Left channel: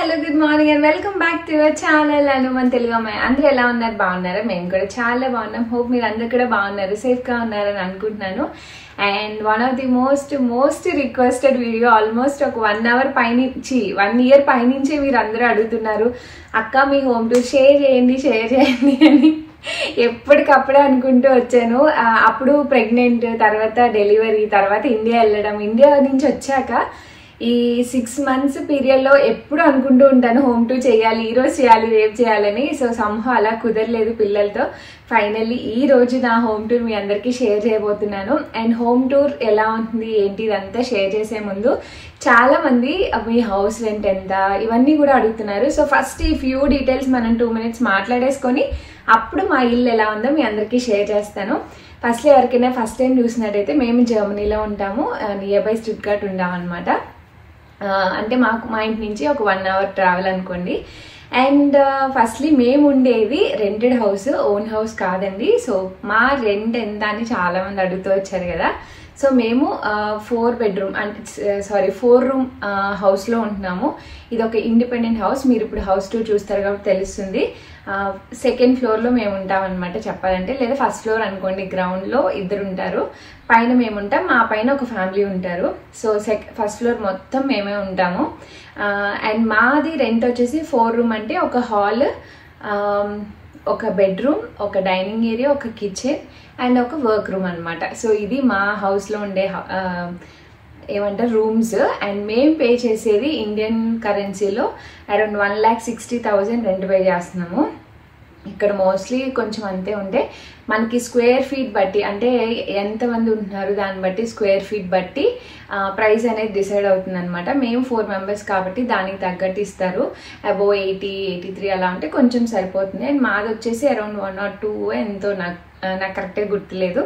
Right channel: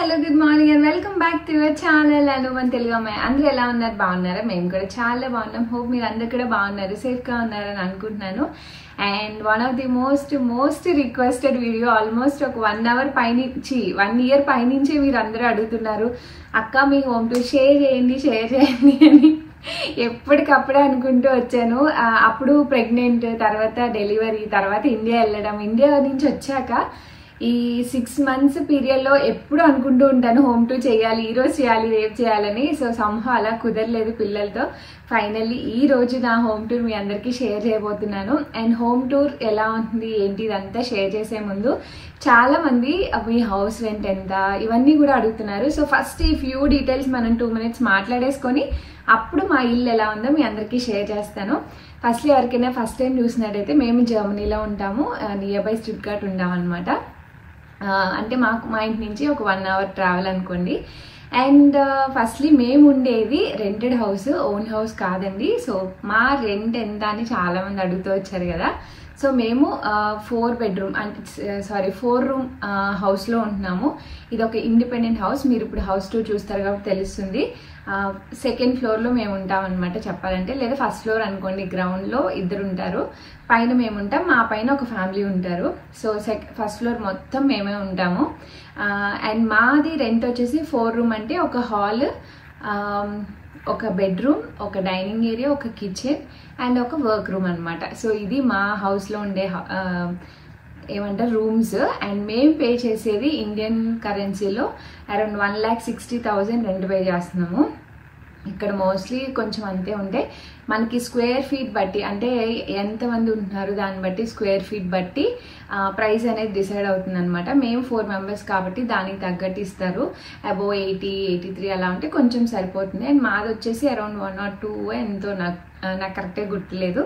hello, good morning and welcome back to our channel. Anuman Telugu Ammayi. Andru ela unnaru baagunnara? Mem kuda chaala baagunnam. Hope meer andaru kuda baagunnaru, safe ga unnaru ani anukuntunnanu. And one of the most requested video almost oka 1 hour painichi 1 year paininche meer andaru adugutunnaru. Akka mee home tour share cheyandi ani ఎప్పటికప్పుడే అనుకుంటూ వచ్చాను. అప్పుడు pregnant, తర్వాత delivery, తర్వాత India వెళ్ళడం. India నుంచి వచ్చాక ఈ 6 months పీరియడ్లో ఎప్పుడు అనుకుంటూ ఉంటాను హోమ్ టూర్ చేయాలి, ఈరోజు చేయాలి, రేపు చేయాలని. సో సంహో అలా కుదరలేదు పిల్లలతో. ఫైనల్లీ ఈ రోజు నా హోమ్ టూర్ మీ అందరికీ షేర్ చేయబోతున్నాను. అండ్ హోమ్ టూర్ ఎలా ఉంది ఏంటి ఇదంతా షేర్ చేసే ముందు చాలా మంది మీ హౌస్ రెంట్ ఎంత ఇవన్నీ కూడా అడుగుతున్నారు. సో ఫస్ట్ ఈ ఫ్యూ డీటెయిల్స్ మనం 2 minutes మాట్లాడేసుకొని అప్పుడు మా ఇల్లు ఎలా ఉందో మీ అందరికీ షేర్ చేస్తాను. ఫస్ట్ ఎవరికైనా ఫస్ట్ టైం చూసినట్టయితే మేము జర్మనీలో ఉంటాము, నియర్ బై స్టుట్గార్ట్ ఉంటామన్నమాట. అంటే మా ఇంటి నుంచి ఒక 1 hour ట్రావెల్ అనుకోండి. అండ్ ఫస్ట్లీ మేము ఉండేది రెంటెడ్ హౌస్, ఓన్ హౌస్ కాదండి. సో మా రెంట్ ఎంత అని చాలామంది అడుగుతూ వచ్చారు కదా. సో మేము 4 bedroom అంటే 4 room హౌస్లో ఉంటున్నాము. ఇది ఒక ఇండిపెండెంట్ హౌస్. మీరు ఇప్పుడు హౌస్ టూర్ చూస్తారు కాబట్టి తెలుస్తుంది. 2nd floorలో మేము ఉంటాం అనమాట చెప్పాలంటే, లేదా 1st floor అనుకోండి. గ్రౌండ్లో ఇద్దరు ఉంటారు, పైన మేము ఉంటాం, మా పైన ఒక ఫ్యామిలీ ఉంటారు. సో 1st floor మొత్తం మేమే ఉంటాము. అండ్ మాది రెంట్ వచ్చేసి 4 room అంటే ఒక హాల్, ఒక బెడ్రూమ్, ఒక డైనింగ్ ఏరియా, ఒక కిచెన్ అండ్ ఒక వర్క్ రూమ్ అనమాట. సో ఇది మా హౌస్లో ఉండే ఏమంటారు రూమ్స్. అండ్ మేము పే చేసేది ఇండియన్ కరెన్సీలో అరౌండ్ 1,60,000 రెంట్ పే చేస్తున్నాము. ఇక్కడ మోస్ట్లీ కొంచెం అంతే ఉంటే మనకి స్క్వేర్ ఫీట్ బట్టి, అంటే ఎంతమంది ఉంటున్నారు దాన్ని బట్టి స్క్వేర్ ఫీట్ బట్టి ప్రైస్ అనేది డిసైడ్ అవుతుంది అనమాట. మేము 4 members కాబట్టి దానికి తగ్గట్టు ఇస్తారు. అబోవ్ 80, 83 అలా ఉంటే కొంచెం సరిపోతుంది. అండ్ మాది వచ్చేసి అరౌండ్ 1 or 2 ఎంతో నాకు కరెక్ట్గా గుర్తులేదు.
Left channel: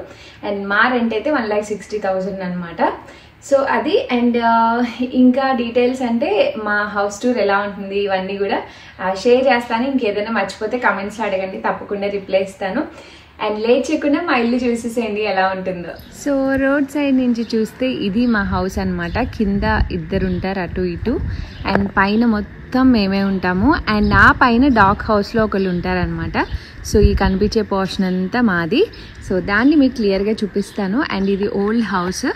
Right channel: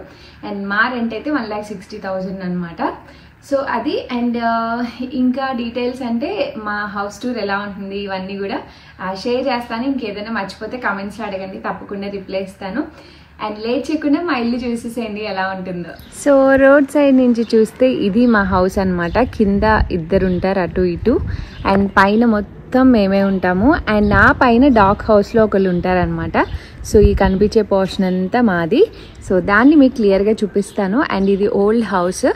అండ్ మా రెంట్ అయితే 1,60,000 అనమాట. సో అది. అండ్ ఇంకా డీటెయిల్స్ అంటే మా హౌస్ టూర్ ఎలా ఉంటుంది ఇవన్నీ కూడా షేర్ చేస్తాను. ఇంకేదైనా మర్చిపోతే కమెంట్స్లో అడగండి, తప్పకుండా రిప్లై ఇస్తాను. అండ్ లేట్ చేయకుండా మా ఇల్లు చూసేసేయండి ఎలా ఉంటుందో. సో రోడ్ సైడ్ నుంచి చూస్తే ఇది మా హౌస్ అనమాట. కింద ఇద్దరు ఉంటారు అటు ఇటు, అండ్ పైన మొత్తం మేమే ఉంటాము. అండ్ నా పైన డాగ్ హౌస్లో ఒకళ్ళు ఉంటారనమాట. సో ఈ కనిపించే పోర్షన్ అంతా మాది. సో దాన్ని మీకు క్లియర్గా చూపిస్తాను. అండ్ ఇది ఓల్డ్ హౌస్.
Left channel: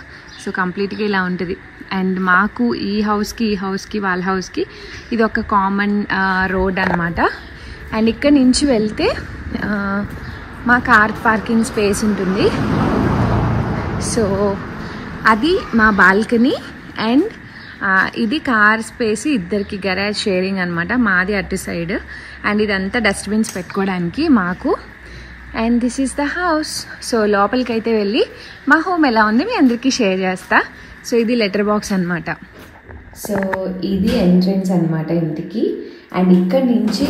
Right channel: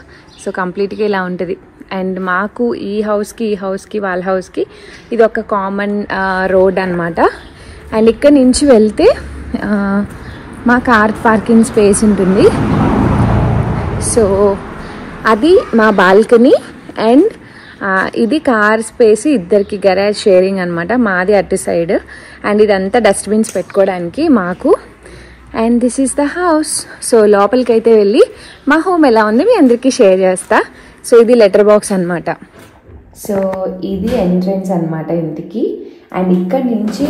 సో కంప్లీట్గా ఇలా ఉంటుంది. అండ్ మాకు ఈ హౌస్కి వాళ్ళ హౌస్కి ఇది ఒక కామన్ రోడ్ అనమాట. అండ్ ఇక్కడ నుంచి వెళ్తే మా కార్ పార్కింగ్ స్పేస్ ఉంటుంది. సో అది మా బాల్కనీ. అండ్ ఇది కార్ స్పేస్, ఇద్దరికి గరాజ్ షేరింగ్ అనమాట. మాది అటు సైడ్. అండ్ ఇదంతా డస్ట్బిన్స్ పెట్టుకోవడానికి మాకు. And this is the house. So లోపలికి అయితే వెళ్ళి మా హోమ్ ఎలా ఉంది మీ అందరికీ షేర్ చేస్తా. సో ఇది లెటర్ బాక్స్ అనమాట. సో ఇది ఎంట్రన్స్ అనమాట ఇంటికి. అండ్ ఇక్కడ నుంచి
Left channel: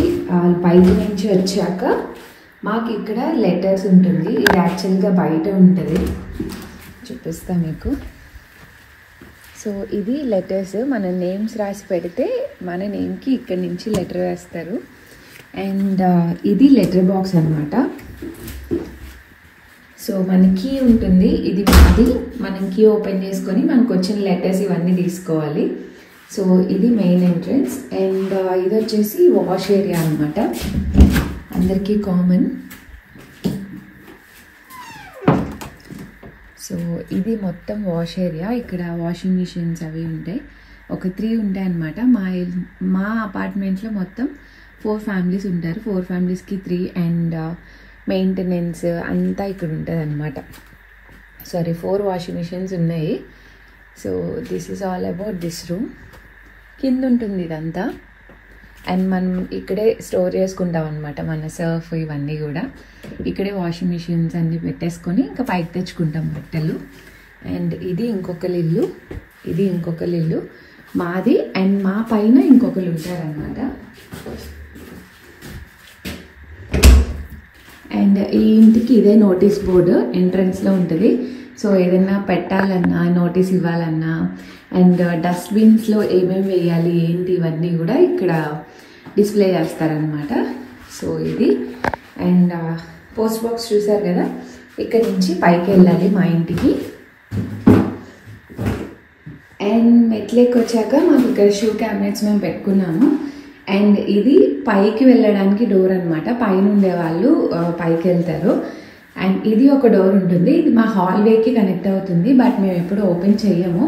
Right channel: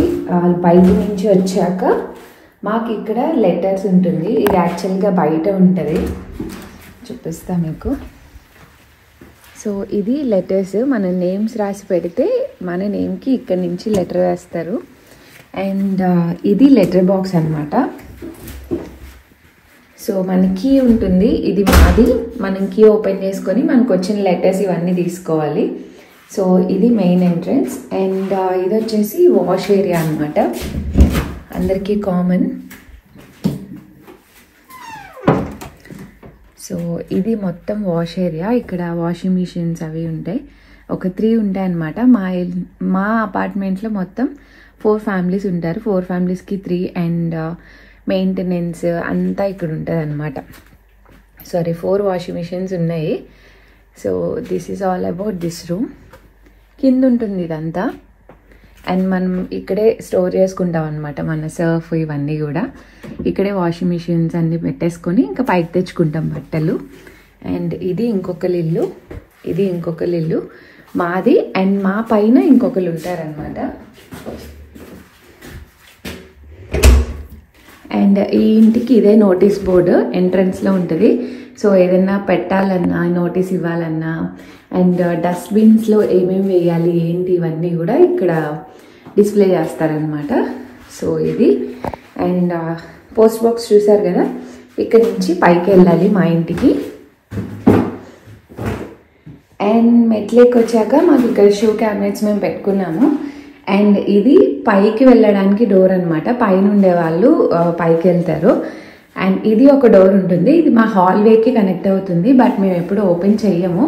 బయట నుంచి వచ్చాక మాకు ఇక్కడ లెటర్స్ ఉంటుంది. ఇది యాక్చువల్గా బయట ఉంటుంది, చూపిస్తా మీకు. సో ఇది లెటర్స్, మన నేమ్స్ రాసి పెడితే మన నేమ్కి ఇక్కడ నుంచి లెటర్ వేస్తారు. అండ్ ఇది లెటర్ బాక్స్ అనమాట. సో మన కీ ఉంటుంది, ఇది మాది. మనం కీ ఓపెన్ చేసుకొని మనకు వచ్చిన లెటర్స్ ఇవన్నీ తీసుకోవాలి. సో ఇది మెయిన్ ఎంట్రన్స్. అండ్ ఇది వచ్చేసి వాష్ ఏరియా అనమాట, అందరికీ కామన్. సో ఇది మొత్తం వాష్ ఏరియా. ఇక్కడ వాషింగ్ మిషన్స్ అవి ఉంటాయి, ఒక 3 ఉంటాయి అనమాట. మా అపార్ట్మెంట్లో మొత్తం 4 families ఉంటారు. 4 familiesకి 3. అండ్ మెయింటెనెన్స్ అంతా ఇక్కడ ఉంటుంది అనమాట. 4 వాషింగ్ మిషన్స్ ఉన్నాయి. So this is all about this room. కింద ఉంటుంది ఇదంతా. అండ్ మనం ఇక్కడే స్టోర్ చేసుకుంటాం అనమాట మన సర్ఫ్ ఇవన్నీ కూడా. ఇక్కడే వాషింగ్ మిషన్స్ అన్నీ పెట్టేసుకొని ఇంకా పైకి తెచ్చుకుంటాం బట్టలు. అండ్ ఇది ఇంకొకరి ఇల్లు, ఇది ఇంకొకరి ఇల్లు మాది. అండ్ మా పైన ఇంకొకరు ఉంటారనమాట. అండ్ ఈ ఇంటికి ఇదే నోటీస్ బోర్డు ఎంట్రన్స్లో ఉంటుంది. సో ఏదైనా పెట్టాలన్నా, నోటీస్ ఇవ్వాలన్నా, అండ్ డస్ట్బిన్స్లో ఏమేమి వేయాలి ఏంటి ఇవన్నీ కూడా ఇక్కడ డిస్ప్లే చేస్తారనమాట. సో ఇది. అండ్ పోస్ట్ బాక్స్ చూసారు కదా, ఇక్కడ నుంచి పైకి వెళ్ళాలి మా ఇంటికి. అండ్ మెట్లెక్కి వచ్చాక మాకు ఇక్కడ షూ క్యాబినెట్స్ మేము పెట్టుకున్నాము. అండ్ ఇది పైకి వెళ్ళడానికి డోర్ అనమాట. పైన ఉండే వాళ్ళు పైకి వెళ్తారు. అండ్ ఇది ఒక డోర్ ఉంటుంది. ఇది మా హాల్వేకి కనెక్ట్ అవుతుంది. బట్ మేము ఎప్పుడు ఓపెన్ చెయ్యము,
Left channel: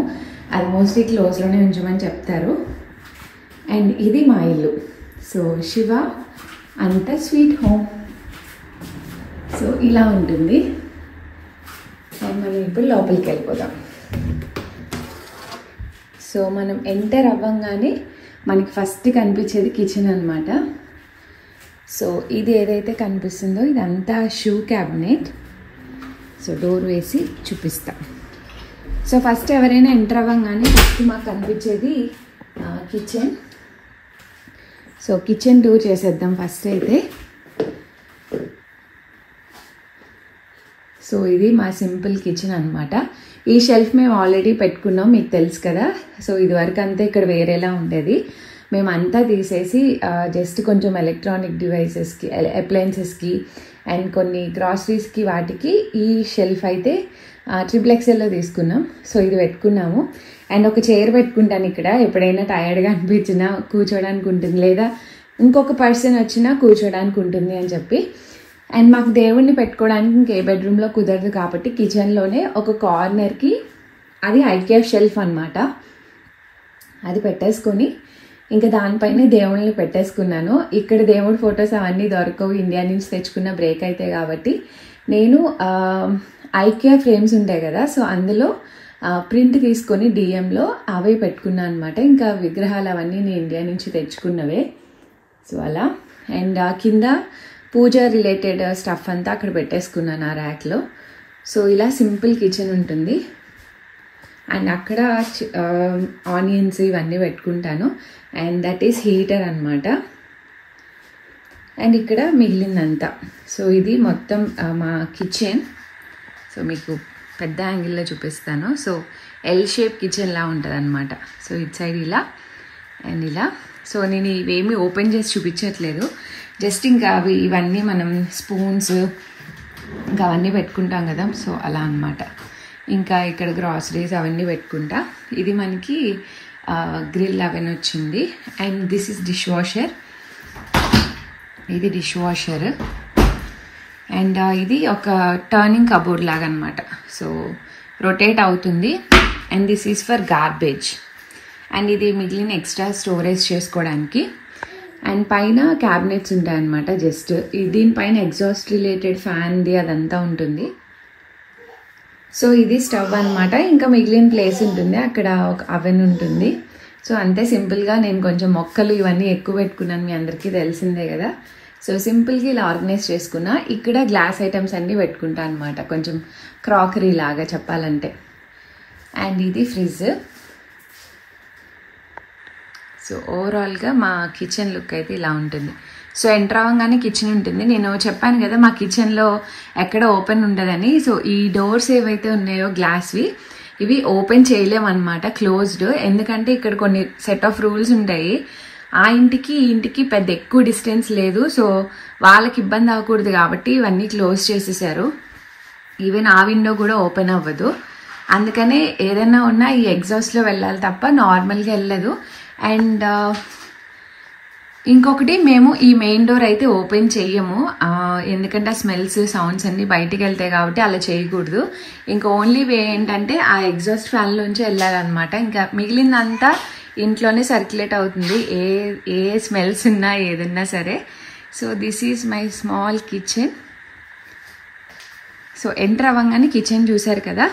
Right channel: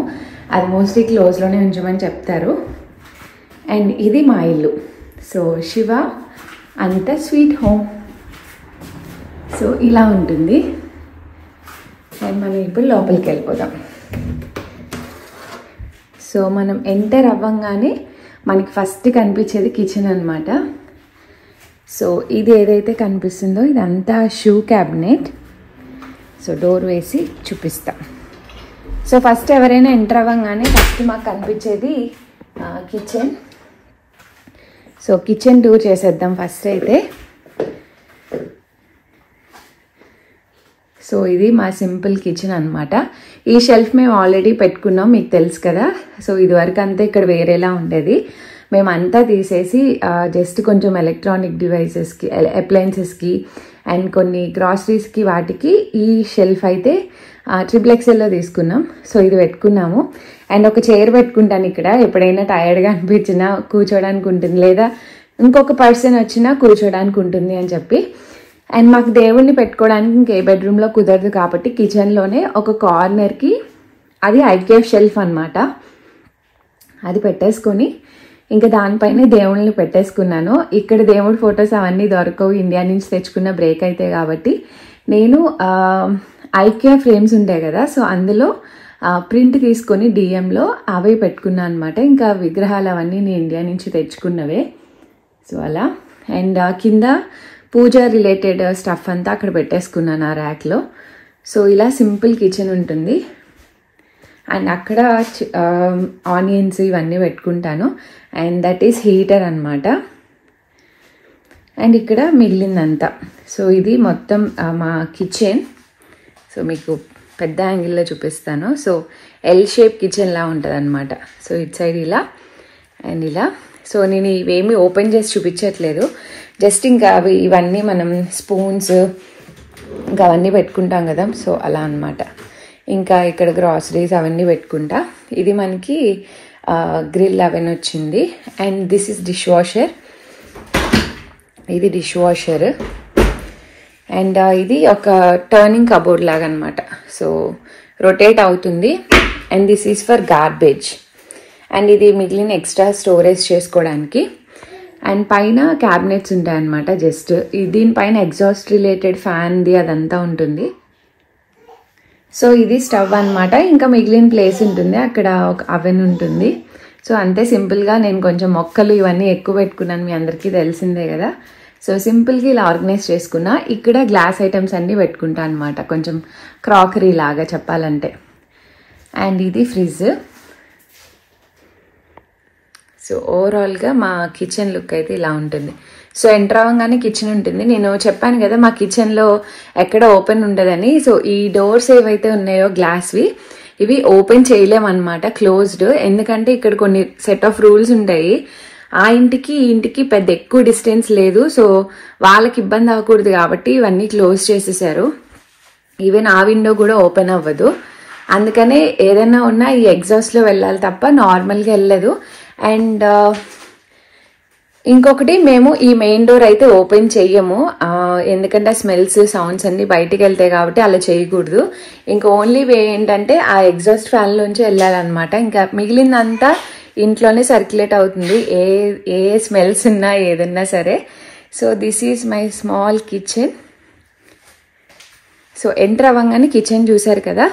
అది మోస్ట్లీ క్లోజ్లోనే ఉంచమని చెప్తారు. అండ్ ఇది మా ఇల్లు. సో శివ అంత స్వీట్ హోమ్. సో ఇలా ఉంటుంది. అండ్ మనం ఇప్పుడు లోపలికి వెళ్ళిపోదాం. సో మనం ఎంటర్ అవ్వంగానే మనకి ఫస్ట్ కనిపించేది కిచెన్ అనమాట. సో ఇది ఏదైతే కనిపిస్తుందో ఇదంతా షూ క్యాబినెట్. సో డోర్ వేసి చూపిస్తాం. సో ఫస్ట్ ఎవరైనా ఎంటర్ అవ్వగానే ఫస్ట్ మాకు కనిపించేది కిచెన్. సో కిచెన్ టూర్ చేసేద్దాం ఫస్ట్ అయితే. సో ఇది మా సింపుల్ కిచెన్ అనమాట. ఈ షెల్ఫ్ మేము ఆల్రెడీ పెట్టుకున్నాం, మీకు తెలుసు కదా. సో ఇదివరకు అంతా ఇక్కడ వేరేలా ఉండేది. మేమంతా తీసేసి జస్ట్ కొంచెం ఎలక్ట్రానిక్ డివైసెస్కి, అప్లయన్సెస్కి అండ్ కొన్ని గ్రాసరీస్కి వాటికి ఈ షెల్ఫ్ అయితే XXLలో తీసుకున్నాం. సో ఇది పెట్టుకున్నాము. అండ్ ఒక చైర్ పెట్టుకుంటాను ఇక్కడ, ఎప్పుడైనా టైర్డ్గా అనిపించినా కూర్చోడానికి ఉంటుంది, లేదా ఇంకొక పర్సన్ వచ్చినా కూర్చోడానికి ఉంటుంది అని చెప్పి. అండ్ మాకు దేవుణ్ణి పెట్టుకోవడానికి ఇంకే బెడ్రూమ్లో కుదరదు కాబట్టి కిచెన్లోనే ఒక కార్నర్కి అది IKF షెల్ఫ్ అనమాట, అది పెట్టేసుకొని ఇంకా దానిపైన దేవుళ్ళని పెట్టేసుకున్నాను. ఇక్కడ దేవుడి ఫొటోస్ అవన్నీ దొరకవు, ఇండియా నుంచి తెచ్చుకున్న బ్రేక్ అయితే కాబట్టి నేను IKEA ఫ్రేమ్స్ ఉంటాయి కదా, సో అందులో ప్రింట్ తీసుకొని DMలో అవే పెట్టుకున్నాను అనమాట. ఇంకా విగ్రహాలు అవన్నీ నేను ఇండియా నుంచి తెచ్చుకున్నవే. సో అలా. అండ్ కింద పూజ రిలేటెడ్ స్టఫ్ అంతా అక్కడ పెట్టేసుకున్నాను ఆ ర్యాక్లో. సో ఇలా సింపుల్ కిచెన్ ఉంటుంది. అండ్ అక్కడ ఆనియన్స్ ఇవన్నీ పెట్టుకుంటాను. అండ్ దట్ ఈస్ హీటర్ అనమాట. అండ్ ఇక్కడ మిగిలిందంతా. సో ఇది మొత్తం మా కిచెన్. సో మీకు పెద్ద యాంగిల్లో చూపిస్తాను. సో L షేప్ కిచెన్ లా ఉంటుంది అనమాట. సో ఇటు సైడ్ ఇలా అండ్ ఇలా. సో నేను ఇవేమి ఓపెన్ చేసి చూపించట్లేదు, జస్ట్ ఇంకా ఇవన్నీ మనం స్పూన్స్ ఇంకా అవన్నీ పెట్టుకుంటాం కదా, సో అలా అనమాట. ఇంకా ఇక్కడ గ్రాసరీస్ అవన్నీ పెట్టుకుంటా. ఇది మనకి గ్రిల్ అవెన్ వచ్చింది. And this is dish washer. ఇది డిష్ వాషర్. అండ్ ఇది ఒక టర్నింగ్ కబోర్డ్ లాగా అనమాట. సో రొటేట్ అవుతుంది. And this is for garbage. And ఇది మిగిలిన ఎక్స్ట్రా స్టోరేజ్ చేసుకోవడానికి. అండ్ పైన క్యాబినెట్స్ ఉంటాయి అనమాట. జస్ట్ దీనిపైన ఎగ్జాస్ట్ రిలేటెడ్ ఫ్యాన్ది అదంతా ఉంటుంది. సో ఇది స్టవ్ అనమాట. ఇంకా మిగిలిన ప్లేస్ ఉంటుంది, అక్కడ ఒక అవెన్ ఉంటుంది. సో అంతే సింపుల్గా. నేను కొంచెం మొక్కలు ఇవన్నీ ఎక్కువ పెట్టుకున్నాను, మీ అందరికీ తెలిసిందే కదా. సో సింపుల్గా ఇలా ఆర్గనైజ్ చేసుకున్నా. ఇక్కడ గ్లాస్ ఐటమ్స్ అన్నీ పెట్టుకుంటాను అనమాట, కొంచెం క్రాకరీ లాగా చెప్పాలంటే. అండ్ ఇది ఫ్రిడ్జ్. సో ఓవరాల్గా మా కిచెన్ లుక్ అయితే ఇలా ఉంటుంది. సో ఎంటర్ అవ్వగానే కిచెన్ ఉంటుంది. నేను చెప్పాను కదా మా కిచెన్లో ఎక్కడ ఓపెన్ ఉండదని. సో ఈ డోర్స్ ఏవైతే ఉన్నాయో గ్లాస్వి, ఇవి ఓపెన్ చేయలేమన్నమాట, క్లోజ్డ్. ఎందుకంటే ఇక్కడ కొన్ని సెట్ ఆఫ్ రూల్స్ ఉంటాయి. ఆ ఇంటికి ఈ ఇంటికి పెద్ద ఎక్కువ డిస్టెన్స్ లేదు. సో వాళ్ళకి ఇబ్బంది అవ్వకూడదు కాబట్టి ఇవన్నీ క్లోజ్ చేసేసారు. ఈవెన్ ఆ విండో కూడా ఓపెన్ అవ్వదు. అందుకనే ఏదైనా ఉన్నా ఈ ఎగ్జాస్ట్లో వెళ్ళాలి తప్ప నార్మల్గా వెళ్ళదు. అండ్ ఇంకొకటి, మేము ఈ మెయిన్ డోర్ అయితే ఓపెన్ చెయ్యము, ఎందుకంటే స్మెల్స్ సౌండ్స్ అన్ని బయటికి వెళ్తాయి కాబట్టి అలా చేయకూడదు. ఇంకా ఓన్లీ వే ఏంటంటే ఆ ఎగ్జాస్ట్ ఫ్యాన్ లోంచి వెళ్ళాలన్నమాట. ఇంకా మిగిలిందంతా ఇంట్లోనే సర్క్యులేట్ అవుతుంది, ఏ స్మెల్స్ ఉన్నా ఏదన్నా సరే. So this is my small kitchen. So enter అవ్వగానే కిచెన్ చూసారు కదా.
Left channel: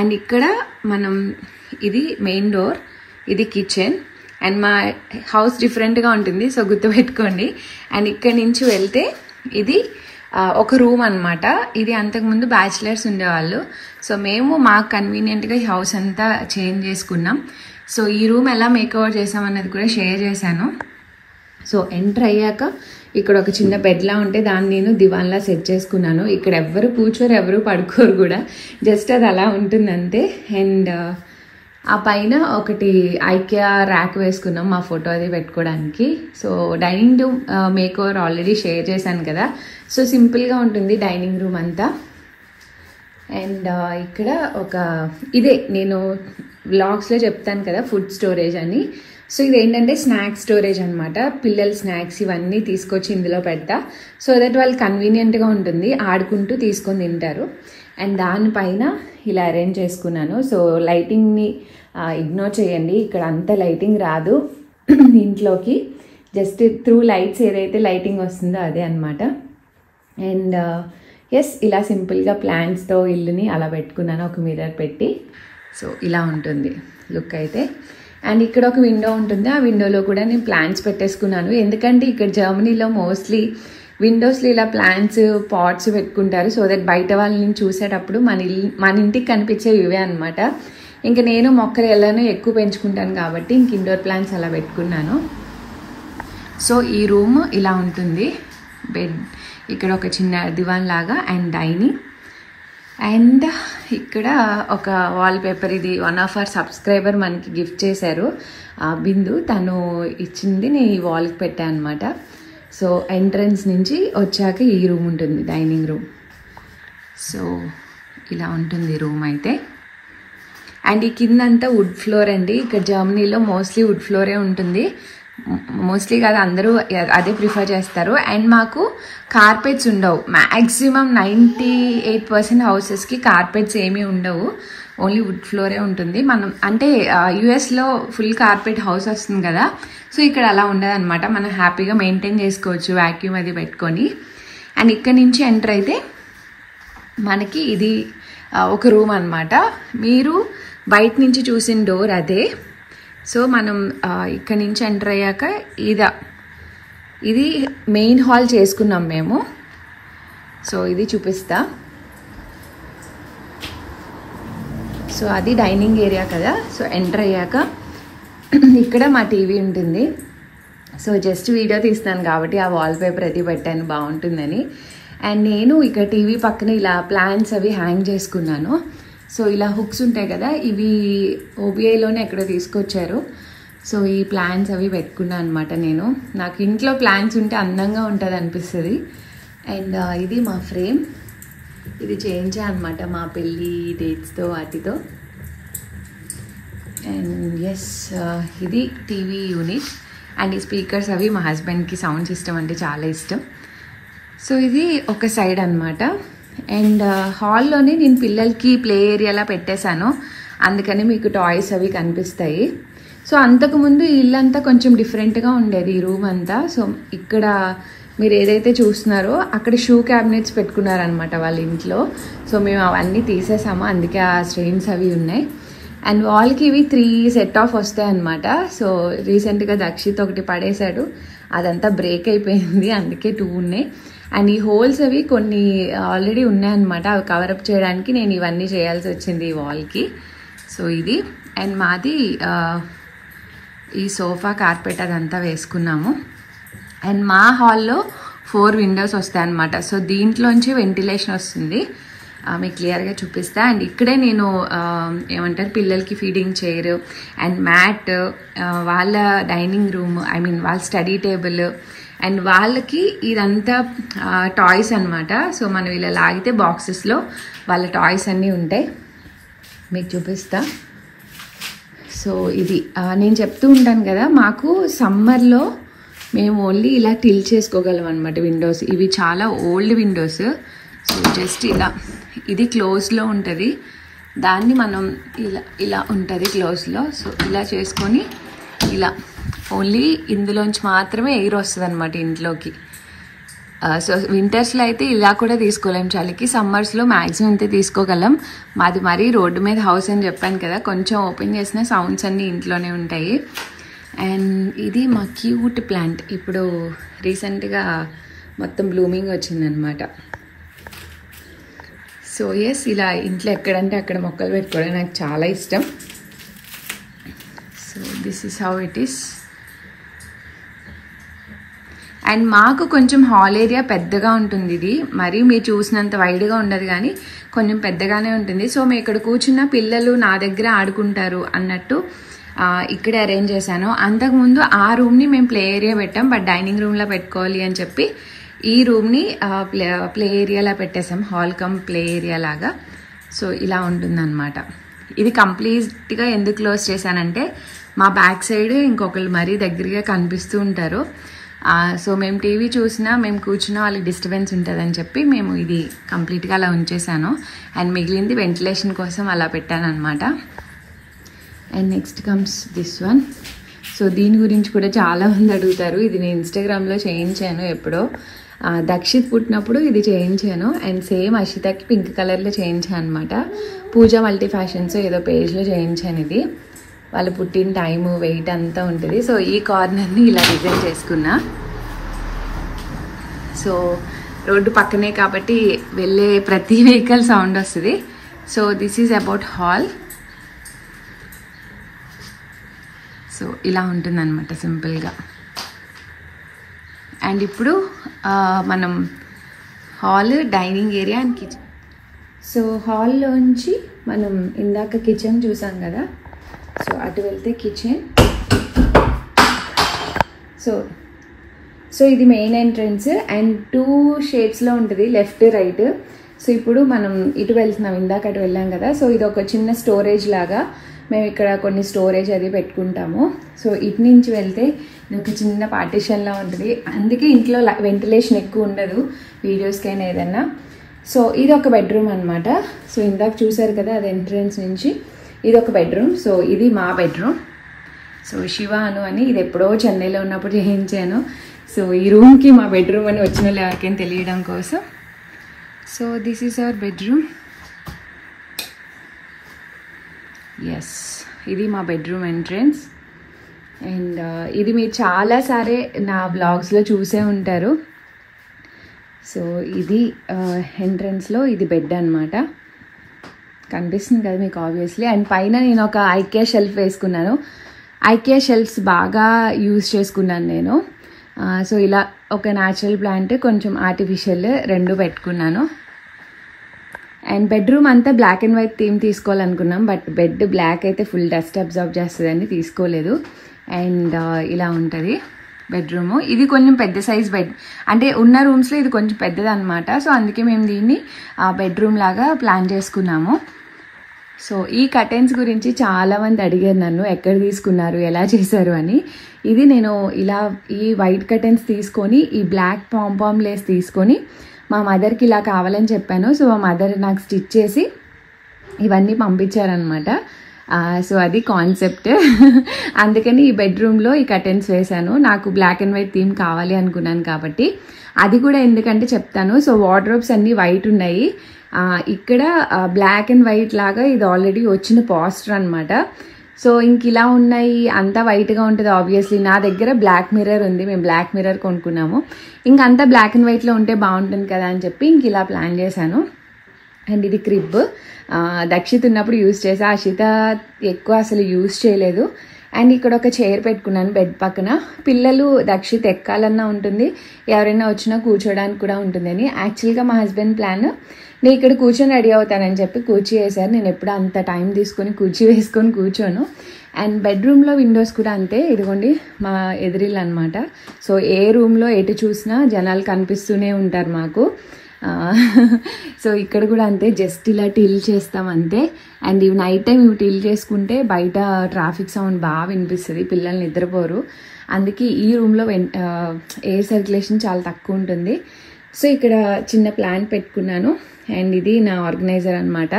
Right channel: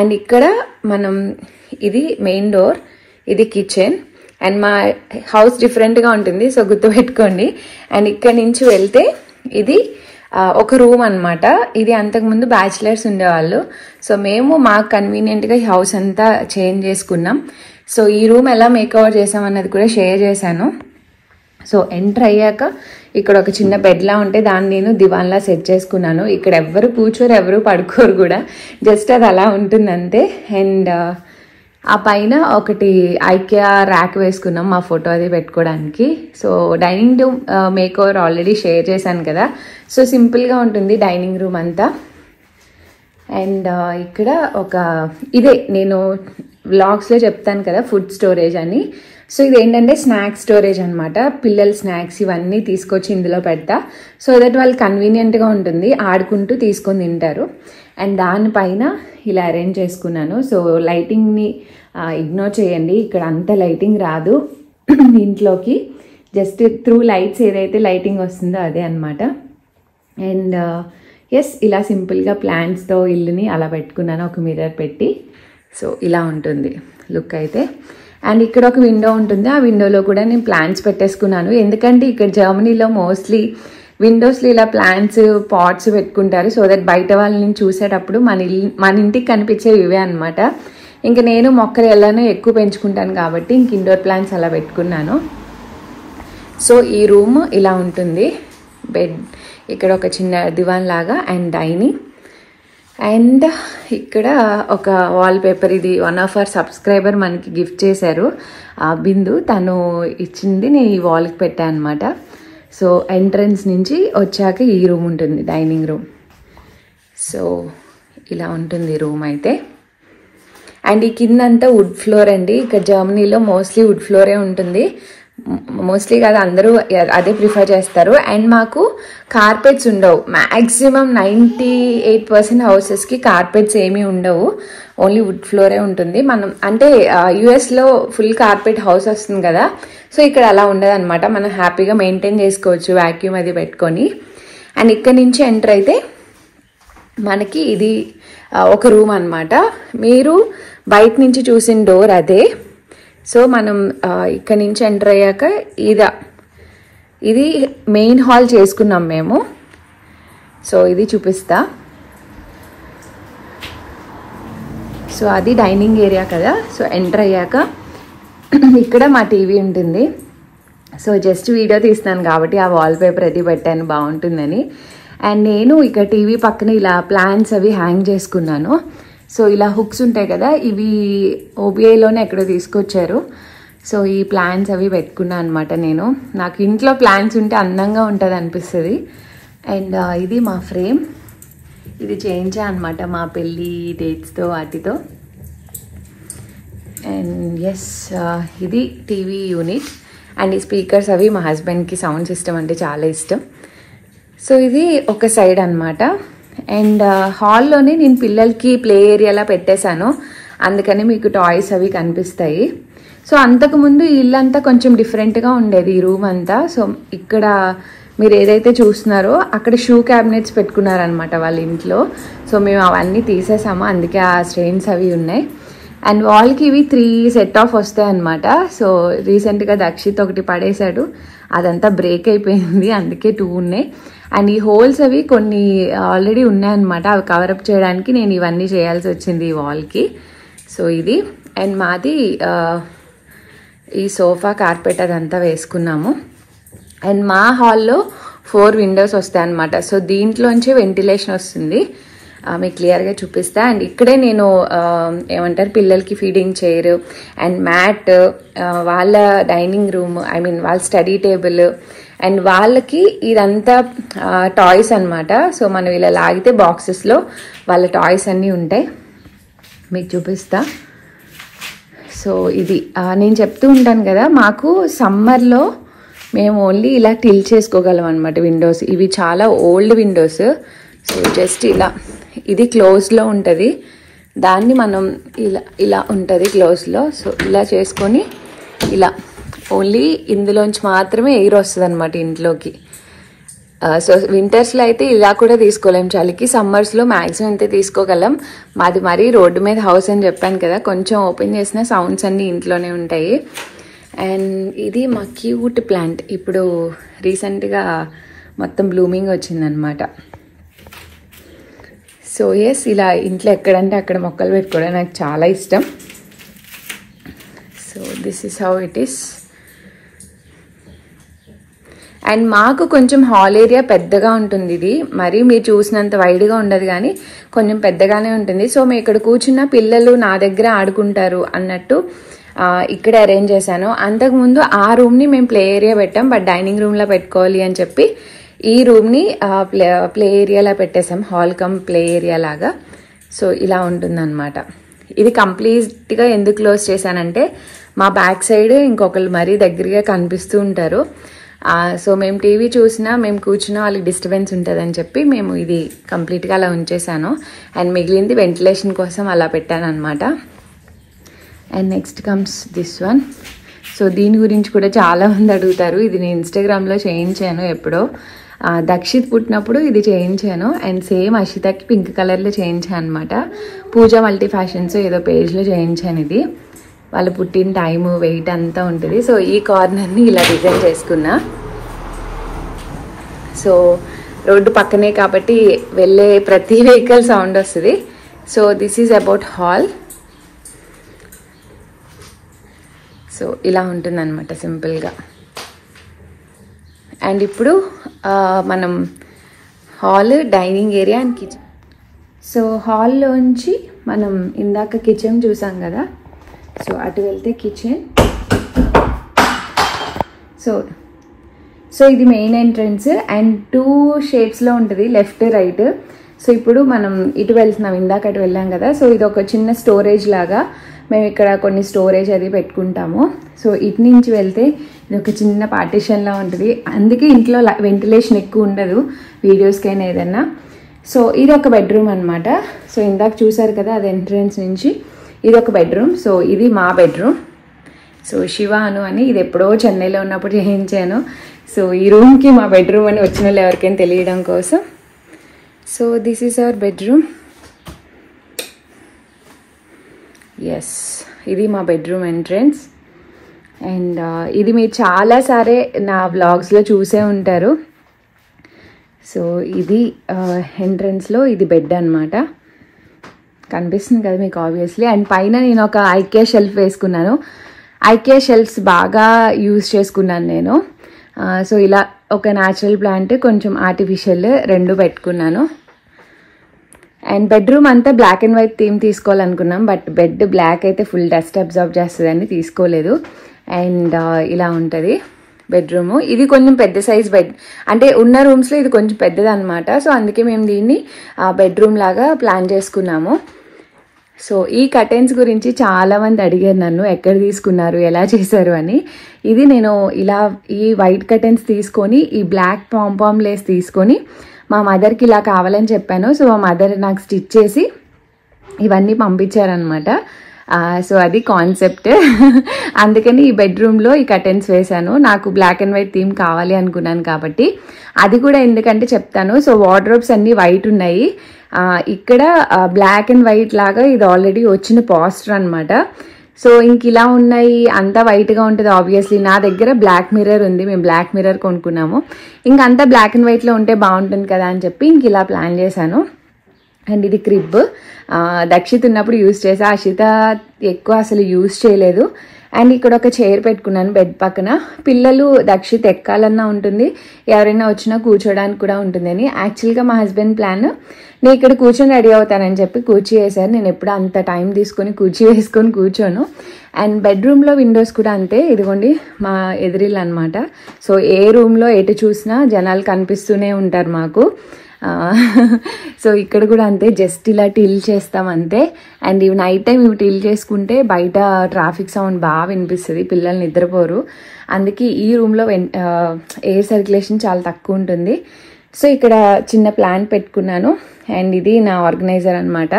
అండ్ ఇక్కడ మనం, ఇది మెయిన్ డోర్, ఇది కిచెన్. అండ్ మా హౌస్ డిఫరెంట్గా ఉంటుంది, సో గుర్తుపెట్టుకోండి. అండ్ ఇక్కడ నుంచి వెళ్తే ఇది ఒక రూమ్ అనమాట. ఇది అంతకుముందు బ్యాచిలర్స్ ఉండేవాళ్ళు. సో మేము మాకు కన్వీనియంట్గా ఈ హౌస్ అంతా చేంజ్ చేసుకున్నాం. సో ఈ రూమ్ ఎలా మేకఓవర్ చేసామన్నది కూడా షేర్ చేశాను. సో ఎంటర్ అయ్యాక ఇక్కడ ఒక చిన్న బెడ్లా ఉంటే దాన్ని నేను దివాన్లా సెట్ చేసుకున్నాను. ఇక్కడ ఎవ్వరు కూర్చోరు, ఎవరు పడుకోరు కూడా, జస్ట్ అది అలా ఉంటుంది అంతే. అండ్ ఆ పైన ఒకటి IKEA ర్యాక్ వేసుకున్నాం మా ఫోటో అది పెట్టుకోవడానికి. So dining room makeover already share చేశాను కదా. సో సింపుల్గా ఉంటుంది డైనింగ్ రూమ్ అంతా. అండ్ ఇక్కడ ఇదే నేను వ్లాగ్స్లో చెప్తాను కదా ఫుడ్ స్టోరేజ్ అని. సో ఇది ఏంటంటే స్నాక్స్ స్టోరేజ్ అనమాట. పిల్లల స్నాక్స్ ఇవన్నీ తీసుకొచ్చి ఇందులో పెడతా, సో దట్ వాళ్ళు కన్వీనియంట్గా ఉంటుంది, ఆడుకుంటూ తీసుకొని తింటారు. అండ్ దానిపైన ఇలా అరేంజ్ చేసుకున్నాను. సో లైటింగ్ని ఇగ్నోర్ చేయండి, ఇక్కడ అంత లైటింగ్ రాదు ఇంట్లోకి, జస్ట్ త్రూ లైట్స్ ఏదైతే లైటింగ్ వస్తుందో అదే అనమాట. అండ్ ఎస్, ఇలా సింపుల్గా ప్లాంట్స్తో ఇల్లుని అలా పెట్టుకున్నాను, ఒక మిర్రర్ పెట్టి. సో ఇలా ఉంటుంది లుక్ అయితే. అండ్ ఇక్కడ ఒక విండో ఉంటుంది, ఆ విండోలో కూడా నేను ప్లాంట్స్ పెట్టేసుకున్నాను. ఎందుకంటే ఇక్కడ జర్మనీలో మోస్ట్లీ విండోస్లో ఇలా ప్లాంట్స్ పాట్స్ పెట్టుకుంటారు, సో దట్ బయట వాళ్ళని చూసేటప్పుడు మన ఇంటికి కనిపించేవి ఇవే అనమాట. ఇంకా నేను మొక్కలు ఎలానో ఎక్కువ పెంచుకుంటాను కాబట్టి ఇంక ఇండోర్ ప్లాంట్స్ అలా పెట్టుకున్నాను. సో ఈ రూమ్ ఇలా ఉంటుంది. బెడ్, ఇక్కడ ఒక చిన్న దివాన్ లాగా, అండ్ డైనింగ్. అండ్ ఇక్కడ ఒక వాల్ పేపర్, ఇది వన్ ఆఫ్ అవర్ సబ్స్క్రైబర్ మనకి గిఫ్ట్ చేశారు, బిందు, తను ఇచ్చింది, నేను ఈ వాల్కి పెట్టాను అనమాట. సో ఎంట్రన్స్ నుంచి వచ్చాక ఈ రూమ్ ఉంటుంది, డైనింగ్ రూమ్. సో ఇలా ఉంటుంది రూమ్ అయితే. అండ్ ఈ కిందంతా వుడ్ ఫ్లోర్ అండి. ఇక్కడ జర్మనీలో మోస్ట్లీ వుడ్ ఫ్లోరే ఉంటుంది, మోస్ట్లీ కాదు అందరూ అదే ప్రిఫర్ చేస్తారు. అండ్ మాకు కార్పెట్స్ ఉండవు, మ్యాక్సిమం 98% హౌసెస్కి కార్పెట్స్ ఏమీ ఉండవు, ఓన్లీ వుడ్ ఫ్లోరే ఉంటుంది. మనం అంటే యుఎస్లో ఫుల్ కార్పెట్ హౌస్ వస్తుంది కదా, సో ఇక్కడ అలా ఉండదు అనమాట. మనం హ్యాపీగా మెయింటైన్ చేసుకోవచ్చు వ్యాక్యూమ్ అది పెట్టుకొని. అండ్ ఇక్కడ నుంచి ఎంటర్ అయితే మనకి ఇది ఒక రూమ్ అనమాట. మీరు బయట నుంచి చూసిన డోర్ అదే. సో మనం ఇక్కడ నుంచి ఎంటర్ అయ్యాక ఇది మెయిన్ హాల్ చేసుకున్నాం మేము. సో ఇది చూపిస్తా. సో అది డైనింగ్ ఏరియా కదా. సో ఎంటర్ అయ్యాక ఇక్కడ మా టీవీ ఉంటుంది. సో జస్ట్ వీడియో తీస్తున్నాను కాబట్టి ఆ వాల్ పేపర్ అది పెట్టాను బాగుంటుందని. అండ్ నేను ఇక్కడ టీవీ పక్కన ఇలా ప్లాంట్స్ అవి హ్యాంగ్ చేసుకున్నాను. సో ఇలా హుక్స్ ఉంటాయి కదా, ఇవి ఓబిఐలోనే ఎక్కడో తీసుకొచ్చారు. సో ఈ ప్లాంట్స్ అవి పెట్టుకున్నాను అనమాట నేను. నాకు ఇంట్లో ప్లాంట్స్ ఉంటే అందంగా ఉంటుంది అనిపిస్తుంది. అండ్ ఇది మా ఫ్రేమ్, ఇది చేయించా అనమాట మా పెళ్ళి డేట్స్తో వాటితో. అండ్ ఎస్, ఇది టీవీ యూనిట్. అండ్ ఈ స్పీకర్స్ అవి మా హస్బెండ్కి సౌండ్ సిస్టమ్ అంటే చాలా ఇష్టం. సో ఇది ఒక సైడ్ అనమాట. అండ్ హాల్లోనే నేను పిల్లలకి ప్లే ఏరియాలా పెట్టేశాను, అందుకని మీకు టాయ్స్ అవి కనిపిస్తాయి. సో అంతకుముందు ఇల్లంతా కొంచెం డిఫరెంట్గా ఉండేది ఈ రూమ్ అంతా. సో ఇక్కడ మీరు ఏదైతే చూస్తున్నారో అక్కడ షూ క్యాబినెట్స్ పెట్టుకున్నారనమాట వాళ్ళ ఇంట్లో. సో మేము అవన్నీ తీసేసాము, అందుకే ఆ స్టెయిన్స్ అవి ఉన్నాయి. అండ్ వాల్కి ఇవి 3 సెట్ ఆఫ్ వస్తాయి అనమాట. సో రీసెంట్గా దక్షిత్ ఒకటి పడేశాడు, అదంతా బ్రేక్ అయిపోయింది, అందుకే 2 ఉన్నాయి. అండ్ ఈ హోల్స్ అవి కొన్ని ఆల్రెడీ ఉన్నాయన్నమాట, అవి కవరప్ చేయడానికి నేను ఇవన్నీ చేయాల్సి వచ్చింది ఈ వాల్కి. సో ఇది. అండ్ మాది ఈ సోఫా కార్పెట్ అదంతా వేసుకున్నాము. అండ్ మా హాల్లో 4 విండోస్ వస్తాయి అన్నమాట. సో దీంట్లోంచి వెంటిలేషన్ వస్తుంది, మీకు క్లియర్గా చూపిస్తా. అండ్ ఇక్కడే నేను ఏమంటారు పిల్లలకి ఫీడింగ్ చైర్ అండ్ మ్యాట్, వాళ్ళ డైనింగ్ రూమ్, ఐ మీన్ వాళ్ళ స్టడీ టేబుల్, అండ్ వాళ్ళకి ఇదంతా టాయ్స్ అనమాట. సో మనం ఇలా లాగితే బాక్సెస్లో వాళ్ళ టాయ్స్ అన్నీ ఉంటాయి, మీకు చూపిస్తా. సో ఇది నేను చెప్తూ ఉంటాను కదా, మాకు సమ్మర్లో మేము ఓన్లీ ఇలా టిల్ చేసుకోగలం అనమాట విండోస్. ఇవి చాలా ఓల్డ్ విండోస్. సో జస్ట్ ఇలా ఇది క్లోజ్లో ఉంటుంది, దాన్ని మనం ఇలా ఉంటుంది క్లోజ్లో. సో ఇలా చేసుకొని ఇలా ఓన్లీ ఇందులోంచి మాత్రమే ఎయిర్ వస్తుంది అనమాట ఇంట్లోకి. సో వింటర్స్లో అయితే ఇలా కూడా తీసుకోలేం చలికి, సమ్మర్స్లో మ్యాక్సిమం అయితే తీసుకోగలం. మాది మరీ రోడ్డు మీద హౌస్ అని చెప్పాను కదా, కొంచెం ఓపెన్ చేసిన సౌండ్స్ అన్నీ ఇంట్లోనే ఉంటాయి. అండ్ ఇది మా క్యూట్ ప్లాంట్, ఇప్పుడు రీసెంట్గా మొత్తం బ్లూమింగ్ వచ్చిందనమాట. సో ఎస్, ఇలా ఇంట్లో ఎక్కడంటే అక్కడ మొక్కలు పెట్టుకోవడం నాకు చాలా ఇష్టం. So this is how it is. And మాకు కొంచెం హాల్ ఏరియా పెద్దగా ఉంటుంది, ఇది మరి మీరు చూసినంత వైడ్గా ఉండదు కానీ కొంచెం పెద్దగానే ఉంటుంది. సో మేము ఇక్కడ కూర్చున్న పిల్లలు నా దగ్గర ఆడుకుంటారు అన్నట్టు ఇక్కడే అరేంజ్ చేశాను. అంతకుముందు ఆ రూమ్ని మేము ప్లే ఏరియా పెట్టాం, బట్ డైనింగ్ రూమ్లో పెట్టుకోవాలి అని చెప్పి ఈ రూమ్ని ప్లే ఏరియాలా పెట్టేసాం, హాల్ కమ్ ప్లే ఏరియా లాగా. సో ఇలా ఉంటుందన్నమాట. ఇది కంప్లీట్గా ఎందుకు క్లోజ్ చేశానంటే మా బ్యాక్ సైడ్ ఇంకొకళ్ళు మరీ దగ్గరగా కనిపిస్తూ ఉంటారు. సో మేము టీవీ చూసినా మేము కూర్చున్నా వాళ్ళకి డిస్టర్బెన్స్ ఉంటుందని చెప్పి మేము ఇది కంప్లీట్గా అలా ఉంచేసాను. అండ్ మిగిలింది వెంటిలేషన్ కోసం అలా పెట్టాను అనమాట. And next comes this one. So దీని గురించి కూడా చాలా మంది అడుగుతారు. ఇది నేను ఇన్స్టాగ్రామ్లో చేయించాను ఎప్పుడో. దక్షిత్ పుట్టినప్పుడు ఇది చేయించాను. అండ్ సేమ్ అషితకి పింక్ కలర్లో చేయించాను అనమాట. పూజ మల్టీ ఫ్యాషన్స్ ఏదో పేజ్లో చేయించాను. ఇది వాళ్ళు పుట్టిన టైము వెయిట్ అంతా ఉంటుంది. సో ఈ కార్నర్ని ఇలా డిజైన్ చేసుకున్నా. సో రోడ్డు పక్కనే కాబట్టి వెళ్ళే ప్రతి వెహికల్ సౌండ్ వస్తుంది. So this is about hall. So ఇలా ఉంటుంది అనమాట సింపుల్గా. అండ్ ఇప్పుడు మనం hall, dining area and kitchen. So హాల్లోంచి మనం ఇందాక కిచెన్ చూసాం కదా, సో అటు వెళ్తే కిచెన్. సో ఇది మెయిన్ ఎంట్రన్స్ అండ్ 2 షేడ్స్లో ఉంటుంది, లెఫ్ట్ రైట్. సో ఇప్పుడు మనం ఇటు వెళ్తున్నాం, ఇందాక అటు వెళ్ళాం కదా. సో ఇది ఒక చిన్న స్టోరేజ్ లాగా, మేము ఇక్కడ కొన్ని స్టోరేజ్ అది పెట్టుకుంటాము. సో ఇటు నుంచి వెళ్తే ఇది ఒక చిన్న పార్టిషన్లా ఉంటుంది. అందుకే ఇంట్లో వెంటిలేషన్ ఎక్కువ ఉండదు వీడియోస్కైనా ఏదన్నా. సో ఇది ఒక బెడ్రూమ్ అనమాట. సో ఇందాక చూసారు కదా అది ఎంట్రన్స్ నుంచి, ఇది ఒక బెడ్రూమ్. సో ఇది మా బెడ్రూమ్. సో శివాను అని, ఇది ఎప్పుడో చెన్నైలో ఉన్నప్పుడు చేయించాను. సో ఈ రూమ్కి మా బెడ్రూమ్ అని వచ్చిన వాళ్ళు ఎవరికైనా తెలియడం కోసం. So this is our bedroom. Yes, ఇది మా బెడ్రూమ్ ఎంట్రన్స్. అండ్ ఇది మీరు చాలాసారే నా బ్లాగ్స్లో చూసే ఉంటారు. సో ఇది ఎంట్రన్స్లో ఇది బెడ్ అనమాట. కనిపిస్తుంది కదా మీకు ఆబ్వియస్లీ. అండ్ పైన నేను ఒక ఐకియా షెల్ఫ్ వేసుకున్నాను. ఐకియా షెల్ఫ్స్ బాగా యూజ్ చేసుకున్నాను నేను. సో ఇలా ఒక న్యాచురల్ ప్లాంట్, కొంచెం ఆర్టిఫిషియల్ రెండు పెట్టుకున్నాను. అండ్ బెడ్రూమ్ అంతా బ్లాక్ అండ్ వైట్ థీమ్ తీసుకోవాలనుకున్నాం, బట్ బెడ్ బ్లాక్ అయితే ఫుల్ డస్ట్ అబ్జర్వ్ చేస్తుందని తీసుకోలేదు. అండ్ ఇలా ఉంటుంది బెడ్రూమ్. ఇది కొంచెం పెద్ద సైజ్ బెడ్, అంటే ఉన్న రూమ్స్లో ఇది కొంచెం పెద్దది అనమాట. సో అందుకే మేము దీన్ని బెడ్రూమ్ లాగా ప్లాన్ చేసుకున్నాము. సో ఈ కర్టెన్స్ గురించి చాలా మంది అడిగారు నన్ను, ఎక్కడ తీసుకున్నారు, ఎలా చేశారు అని. ఇది నేను ఇలా ఈ వైట్ కర్టెన్స్ తీసుకొని ఈ బ్లాక్ పాంపామ్ లేస్ తీసుకొని మా మదర్కి ఇలా కావాలని చెప్పాను. సో మా మదర్ నాకు స్టిచ్ చేసి ఇవన్నీ పంపించారనమాట. సో అది కాన్సెప్ట్. అందుకని ఈ బెడ్రూమ్లో ఈ కర్టెన్స్ వేశాను. నాకు బ్లాక్ అండ్ వైట్ థీమ్ కావాలి అనుకున్నాను కాబట్టి. అది కూడా ఎందుకంటే చెప్తాను. సో వార్డ్రోబ్స్ అన్ని వైట్ ఉన్నాయి. ఇక్కడ బ్లాక్ అండ్ వైట్ లాగా ఇది ఆల్రెడీ వచ్చిన పోస్టర్ అనమాట. సో ఇంక ఇలా ఉన్నాయి, అంతా వైట్గా ఉంటుంది ఆబ్వియస్లీ. నా దగ్గర బ్లాక్ మిర్రర్ ఉంది, మేము బ్లాక్ మిర్రర్ కొనుక్కున్నాము. ఇంకంతా బ్లాక్ అండ్ వైట్లో ఉంటే బాగుంటుంది కదా అని చెప్పి ఇంక ఇలా ప్లాన్ చేశాను. అండ్ ఇది క్రిబ్, దక్షిత్ ఉన్నప్పుడు యూజ్ చేసా, అషిత ఎక్కువ అసలు యూజ్ చేయలేదు. అండ్ ఇక్కడ ఒక చైర్ పెట్టుకున్నాను బెడ్ పక్కన. పిల్లలు దక్షిత్ ఎక్కాలన్నా ఉంటుంది, ఎవరైనా వచ్చినా కూర్చోడానికి కూడా ఉంటుంది అని. యాక్చువల్గా మా హస్బెండ్ ప్లాన్ నేను ఇక్కడ కూర్చొని రెడీ అవుతానని చెప్పి కూర్చీ వేశారు. నేను ఎప్పుడు అంత టైం తీసుకొని కూర్చీ వేసుకొని కూర్చోను. అండ్ బెడ్రూమ్లో విండోస్ కూడా అంతే, ఇదిగోండి మా ఎదురిల్లు అనమాట. సో ఏ రూమ్లో ఎటు చూసినా జనాలు కనిపిస్తూనే ఉంటారు మాకు. సో ఇక్కడ కూడా అంతే, జస్ట్ ఇలా టిల్ చేస్తాం అంతే. అండ్ ఇవి నైట్ టైం ఇవి టిల్ చేసుకుంటే బయట ట్రాఫిక్ సౌండ్ బాగా వినిపిస్తుంది, పిల్లలు నిద్రపోరు. అందుకే ఈ రూమ్లో ఎయిర్ సర్క్యులేషన్ చాలా తక్కువ ఉంటుంది. సో ఇక్కడ చిన్న ప్లాన్ పెట్టుకున్నాను. అండ్ ఇది నా ఆర్గనైజర్ అనమాట.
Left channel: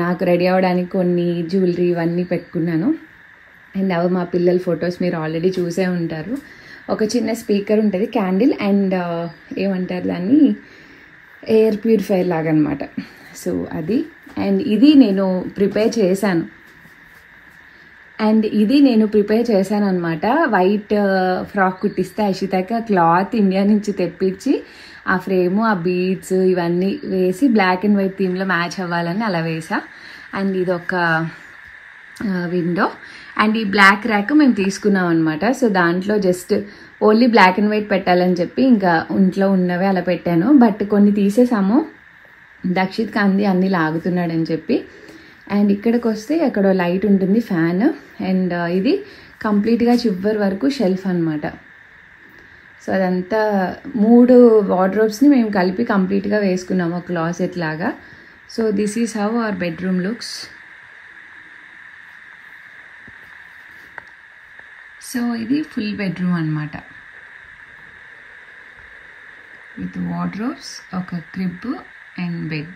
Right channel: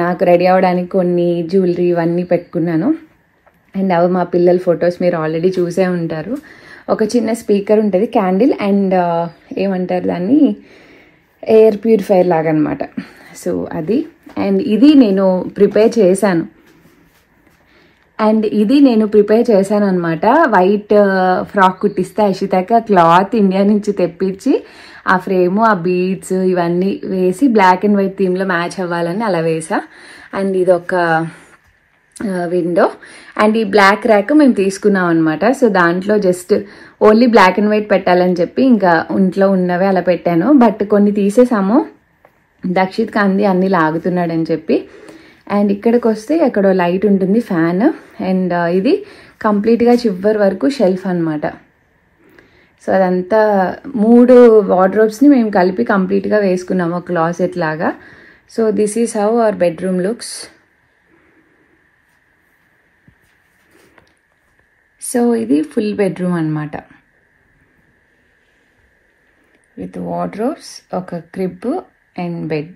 నాకు రెడీ అవ్వడానికి కొన్ని జ్యువెలరీ ఇవన్నీ పెట్టుకున్నాను. అండ్ అవి మా పిల్లల ఫొటోస్ మీరు ఆల్రెడీ చూసే ఉంటారు. ఒక చిన్న స్పీకర్ ఉంటుంది, క్యాండిల్, అండ్ ఏమంటారు దాన్ని, ఎయిర్ ప్యూరిఫైయర్ లాగా అనమాట. సో అది. అండ్ ఇది నేను ప్రిపేర్ చేశాను అనమాట. వైట్ ఫ్రాక్ కుట్టిస్తే అషితకి క్లాత్ ఇండియా నుంచి తెప్పించి ఆ ఫ్రేము, ఆ బీడ్స్ ఇవన్నీ వేసి బ్లాక్ అండ్ వైట్ థీమ్లో మ్యాచ్ అవ్వాలని అలా వేసా. అండ్ ఇది ఒక విండో. అండ్ ఈ బ్లాక్ ర్యాక్ మేము తీసుకున్నాం అనమాట. సో దాంట్లో just only black and white పెట్టాలని చెప్పి ఇంకా ఇంట్లో ఉన్నవే అలా పెట్టాను. బట్ కొన్ని తీసేసాము, దక్షిత్ కాంది అన్ని లాగుతున్నాడని చెప్పి. అండ్ ఇక్కడికి వస్తే అక్కడ లైట్ ఉంటుంది, ఫ్యాన్. అండ్ ఇది కంప్లీట్గా చివరి వరకు షెల్ఫ్ అనమాట. సో అదంతా 3 వార్డ్రోబ్స్ని మేము కలిపి కంప్లీట్గా వేసుకున్నాము, క్లాసెట్ లాగా. So this is how our bedroom looks. So ఇది ఫుల్ బెడ్రూమ్ అన్నమాట, విత్ వార్డ్రోబ్స్, ఒక క్రిబ్ అండ్ బెడ్.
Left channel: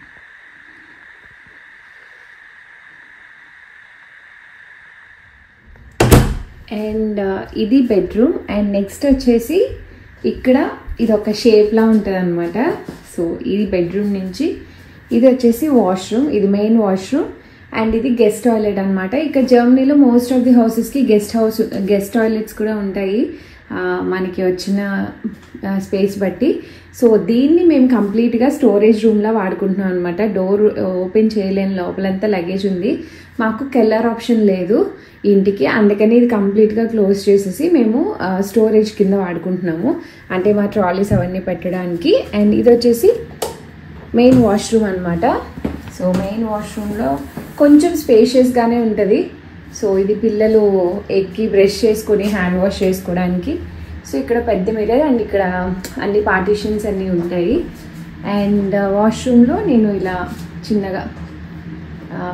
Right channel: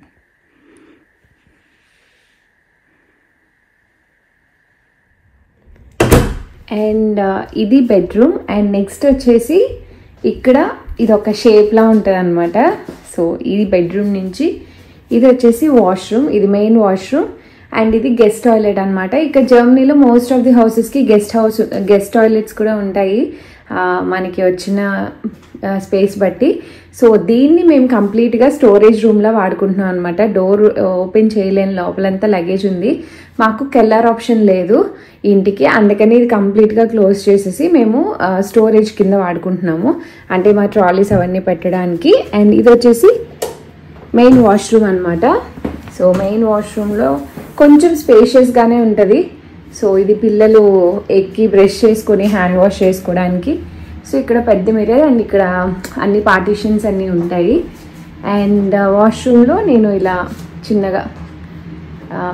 అండ్ ఇది బెడ్రూమ్. అండ్ నెక్స్ట్ వచ్చేసి ఇక్కడ ఇది ఒక షేప్లా ఉంటుంది అనమాట. సో ఇది బెడ్రూమ్ నుంచి ఇది వచ్చేసి వాష్రూమ్, ఇది మెయిన్ వాష్రూమ్. అండ్ ఇది గెస్ట్ టాయిలెట్ అనమాట. ఇక్కడ జర్మనీలో మోస్ట్ ఆఫ్ ది హౌసెస్కి గెస్ట్ టాయిలెట్స్ కూడా ఉంటాయి మనకి వచ్చిన స్పేస్ బట్టి. సో దీన్ని మేము కంప్లీట్గా స్టోరేజ్ రూమ్లో వాడుకుంటున్నాం అనమాట. డోర్ ఓపెన్ చేయలేని, లోపలంతా లగేజ్ ఉంది. మాకు కెల్లర్ ఆప్షన్ లేదు ఇంటికి, అందుకని ఇది కంప్లీట్గా క్లోజ్ చేసేసి మేము స్టోరేజ్ కింద వాడుకుంటున్నాము, అంటే మా ట్రాలీస్ అవన్నీ పెట్టడానికి. అండ్ ఇది వచ్చేసి మెయిన్ వాష్రూమ్ అనమాట. సో మెయిన్ వాష్రూమ్లో కొంచెం స్పేషియస్గానే ఉంటుంది. సో ఇది పిల్లలు ఎక్కి బ్రష్ చేసుకొని హ్యాండ్ వాష్ చేసుకోవడానికి. సో ఇక్కడ పెద్ద మిర్రర్ అండ్ ఇక్కడ అన్ని పార్టీషన్స్ అన్నీ ఉంటాయి. అండ్ వాష్రూమ్లో నేను ఇలా చిన్నగా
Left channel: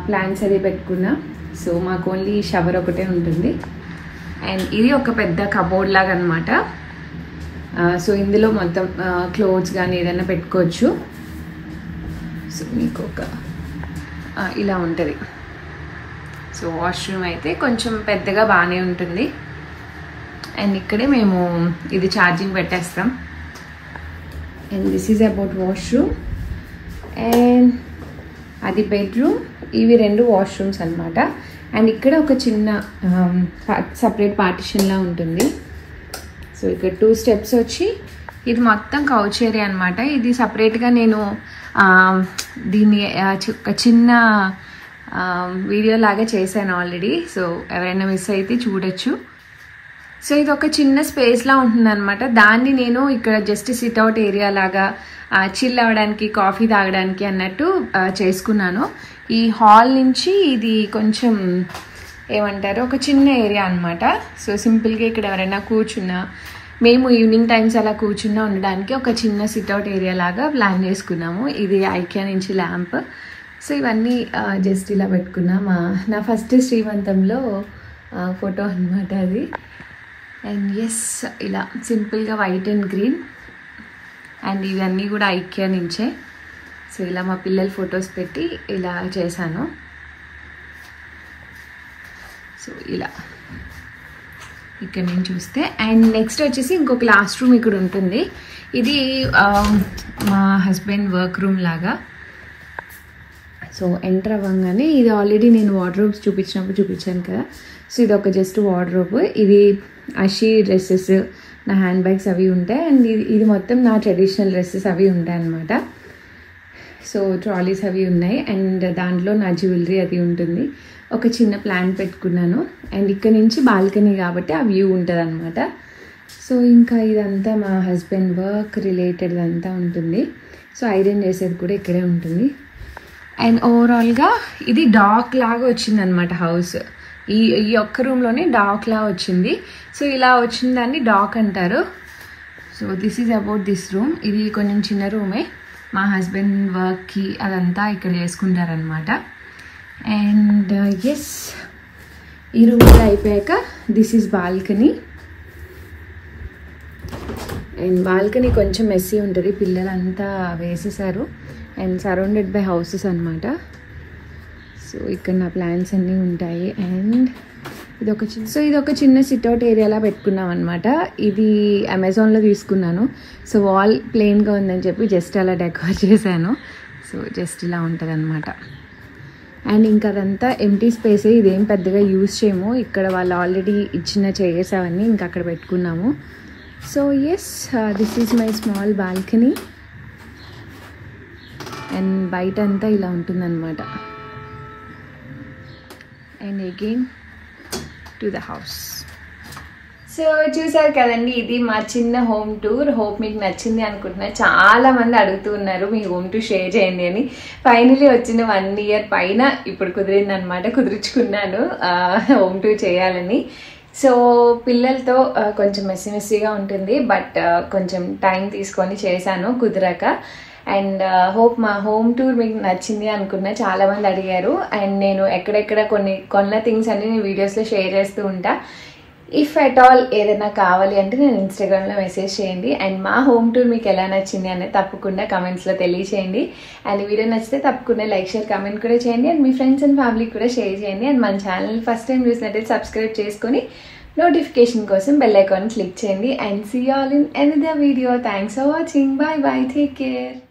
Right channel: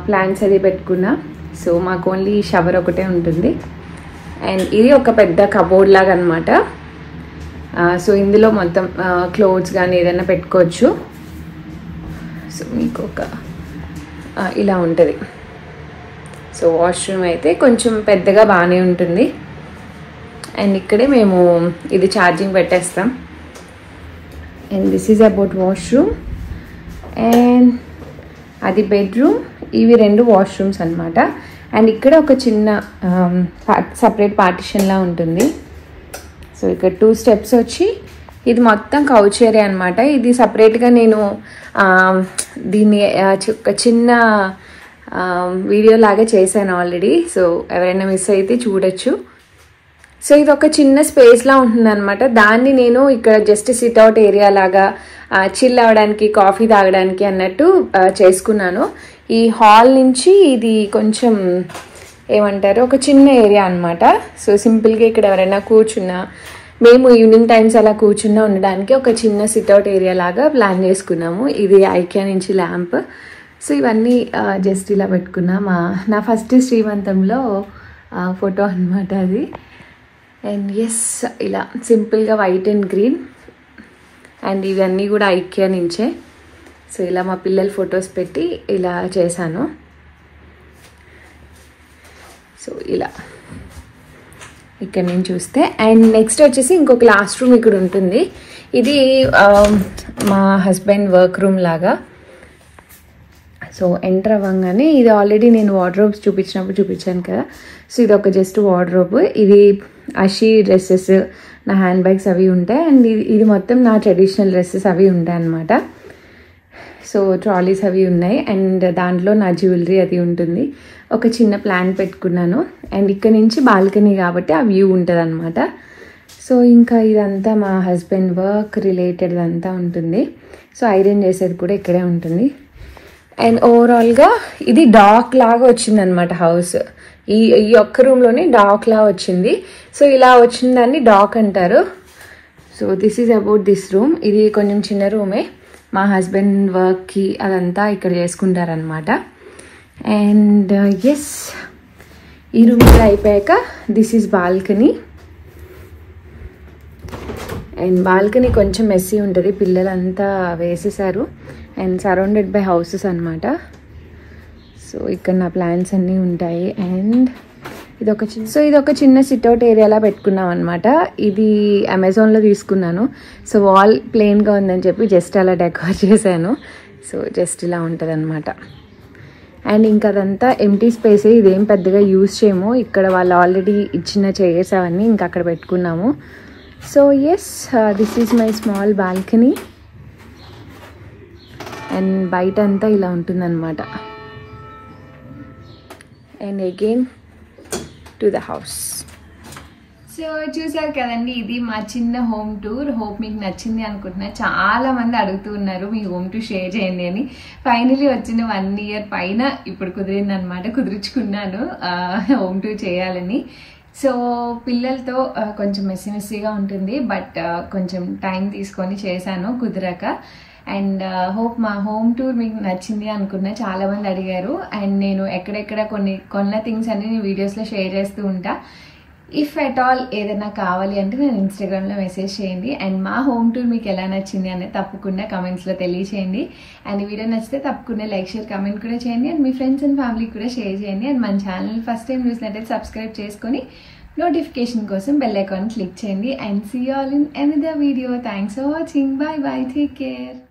ప్లాంట్స్ అది పెట్టుకున్నా. సో మాకు ఓన్లీ షవర్ ఒకటే ఉంటుంది. అండ్ ఇది ఒక పెద్ద కబోర్డ్ లాగా అనమాట. సో ఇందులో మొత్తం క్లోత్స్ కానీ ఏదైనా పెట్టుకోవచ్చు. సో మీకు ఒక ఇలా ఉంటుంది. సో వాష్రూమ్ అయితే కొంచెం పెద్దగా బాగానే ఉంటుంది. అండ్ ఇక్కడే మేము ఇది ఛార్జింగ్ పెట్టేస్తాం. And this is about washroom. And అది బెడ్రూమ్, ఇవి 2 వాష్రూమ్స్ అనమాట. అండ్ ఇక్కడ ఒక చిన్న సపరేట్ పార్టిషన్లా ఉంటుంది. సో ఇక్కడ 2 స్టెప్స్ వచ్చి ఇది మొత్తం కౌచ్ ఏరియా అనమాట. ఇది సపరేట్గా నేను దీన్ని ఒక చిన్న వీడియో లాగా చేశాను ఆల్రెడీ. సో ఎవరైనా మిస్ అయితే చూడొచ్చు. సో ఇది ఒక చిన్న స్పేస్లా ఉంటుంది అనమాట. దాన్ని నేను ఇక్కడ జస్ట్ సిట్అవుట్ ఏరియా లాగా చిల్ అవ్వడానికి, కాఫీ తాగడానికి అన్నట్టు చేసుకున్నాను. ఈ హాల్ నుంచి ఇది కొంచెం ఏమంటారు, ఒక చిన్న ఏరియా అనమాట. సో సింపుల్గా ఇక్కడ ఎవరైనా కూర్చున్నా, మేము ఈవినింగ్ టైమ్స్ అలా కూర్చున్నా ఉండడానికి ఒక చిన్న సిట్అవుట్ ఏరియా లాగా ప్లాన్ చేసుకున్నాము. ఇది ఐకియా నుంచి ల్యాంప్. సో ఇవన్నీ జస్ట్ ఇలా పెట్టుకున్నా. నా ఫస్ట్ శ్రీమంతంలో ఫోటో అనమాట అది. అండ్ ఎస్, ఇలా సింపుల్గా వైట్ అండ్ గ్రీన్. అండ్ ఇవన్నీ కూడా ఐకియా నుంచే. సో ఇలా మా పిల్లల ఫొటోస్ పెట్టి ఇలా చేశాను. సో ఇలా ఇక్కడ నేను చూస్తే. అండ్ నెక్స్ట్ వచ్చేసి ఇంకో క్లాస్ రూమ్ ఇక్కడ ఉంటుంది. ఇది మా హస్బెండ్ వర్క్ రూమ్ లాగా. సో ఎంటర్ అవ్వగానే ఇది ఆల్రెడీ నేను వార్డ్రోబ్స్ చూపించాను కదా. సో ఇది ఒక జస్ట్ వార్డ్రోబ్. ఇది అషి డ్రెస్సెస్, నా హ్యాండ్ బ్యాగ్స్ అవి ఉంటాయి. అండ్ ఇది మొత్తం నా ట్రెడిషనల్ డ్రెస్సెస్ అవి ఉంటాయి అన్నమాట. సో ట్రాలీస్ అవి ఉన్నాయి. అండ్ దాంట్లో నా జ్యువెలరీ అది ఉంటుంది. ఒక చిన్న ప్లాంట్ పెట్టుకున్నాను. అండ్ ఇక్కడ నుంచి బాల్కనీ కాబట్టి ఆ వ్యూ ఉంటుంది అనమాట. సో ఇంకా ఇదంతా మా హస్బెండ్ వర్క్ రిలేటెడ్ అంతా ఉంటుంది. సో ఐరన్ చేసేది కూడా ఇక్కడే ఉంటుంది. అండ్ ఓవరాల్గా ఇది డాక్ లాగా వచ్చింది అనమాట హౌస్. ఈ ఒక్క రూమ్లోనే డాక్ లాగా వచ్చింది. సో ఇలా వచ్చిన దాన్ని డాక్ అంటారు. So this is about this room. ఇది కొంచెం చిన్న రూమే. మా హస్బెండ్ వర్క్కి అదంతా ఇక్కడ చేసుకుంటారనమాట. అండ్ ఎస్, ఈ రూమ్ అయిపోయాక this is balcony. And balcony కొంచెం మెస్సీ ఉంటుంది, పిల్లలంతా వేసేసారు. అండ్ సరౌండెడ్ బై హౌసెస్ అనమాట. సో ఇక్కడ నా ప్లాంట్స్ అన్నీ ఉంటాయి. అండ్ ఇది ఒక చిన్న సిట్అవుట్ ఏరియాలా పెట్టుకున్నాం అనమాట. ఇది అమెజాన్లో తీసుకున్నాను. సో వాల్ ప్లెయిన్గా ఉందని చెప్పి జస్ట్ అలా డెకరేట్ చేశాను. సో జస్ట్ ఇలా ఉంటుంది అనమాట. అండ్ ఇంకా అదంతా ఎంటీ స్పేస్. ఇదేం పెద్దగా యూజ్ చేయము. ఇక్కడ వాళ్ళు ఆల్రెడీ ఇచ్చిన చైర్స్ అవన్నీ ఇంకా అక్కడ పెట్టుకున్నాము. So yes, this is my small balcony. And బయట అంతా ఇలా ఉంటుందన్నమాట. And again to the house. So చూసారు కదండి, ఇది మా చిన్న హోమ్ టూర్. హోప్ మీకు నచ్చింది అనుకుంటున్నా. చాలా మంది అడుగుతూ ఉన్నారు మీ హోమ్ టూర్ షేర్ చేయండి అని. ఫైనలీ వచ్చిన 1 year పైన ఇప్పుడు కుదిరిందనమాట. కుదుర్చుకున్నాను హోమ్ టూర్ చేయాలని. సో పిల్లలతో కొంచెం మెస్సీగా ఉంటుంది, బట్ కొంచెం టైం తీసుకొని చేశాను కుదరక. అండ్ హోప్ మా హోమ్ టూర్ మీకు నచ్చింది అనుకున్నా. చాలామంది అడిగారు. అండ్ నేను ఎక్కడెక్కడ కొన్న థింగ్స్ అన్ని నేను వీడియోస్లో షేర్ చేస్తూ ఉంటా. ఇఫ్ అట్ ఆల్ ఏదైనా కావాలి అంటే నేను ఇన్స్టాగ్రామ్లో మెసేజ్ చేయండి. అండ్ మా హోమ్ టూర్ మీకు ఎలా నచ్చింది అనేది తప్పకుండా కమెంట్స్లో తెలియచేయండి. అండ్ వీడియో నచ్చితే తప్పకుండా లైక్, షేర్, కమెంట్ కూడా చేయండి. అండ్ మీ ఫ్రెండ్స్ అండ్ ఫ్యామిలీకి కూడా షేర్ చేయండి. అండ్ మన ఛానల్ ఫస్ట్ టైం చూసినట్టయితే సబ్స్క్రైబ్ చేసుకొని నోటిఫికేషన్ కోసం బెల్ ఐకాన్ క్లిక్ చేయండి. And see all in another video. Thanks for watching. Bye bye. Take care.